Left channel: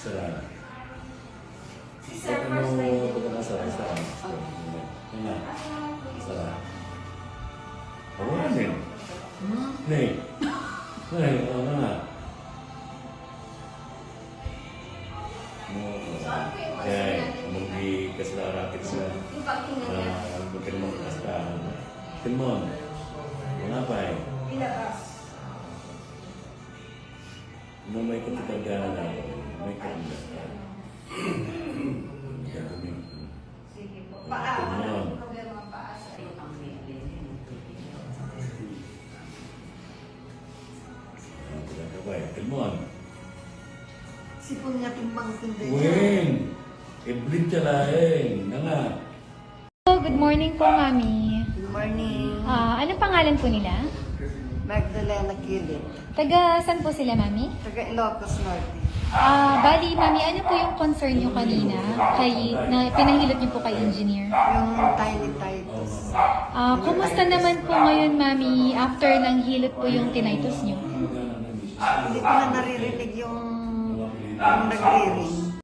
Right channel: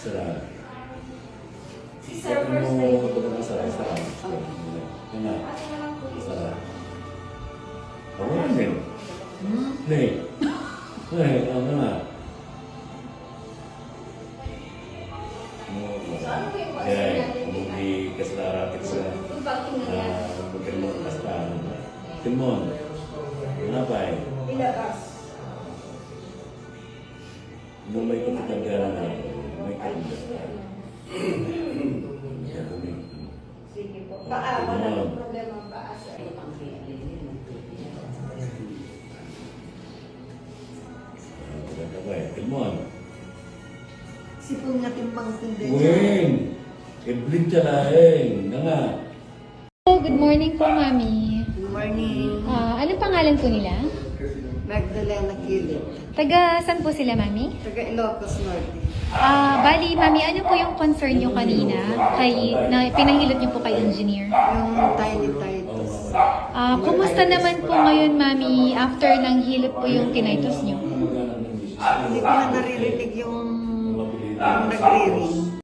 Sarap. Ano ito na sarap? Sarap. Yan na. Sarap. Ako na din. Hindi. Ano na. Yan. Hindi kasi narating sa bukin mo kastahan. Timon. Ngapay. Nung may kapitanggalan na may kapitanggalan. Sige po. Paa. Walang problema paa sa iyo. Timon. Sipon nga timbang tindi. Weng! Iblit ka laeng. Nga. Good morning po, Mami. Good morning. Anong pangalan po nila? Magdalena Kilit. Taga saan po sila, Mami? Taga Ilocos Norte. Bali, Mami, ano po yung concern nyo kanina na pinahilot nyo po kay engineer? Yung tiny titus. Kumusta naman po ngayon, Mami, after ng hilot po yung tinnitus nyo? Hindi ko na naririnig yung nagre-ring.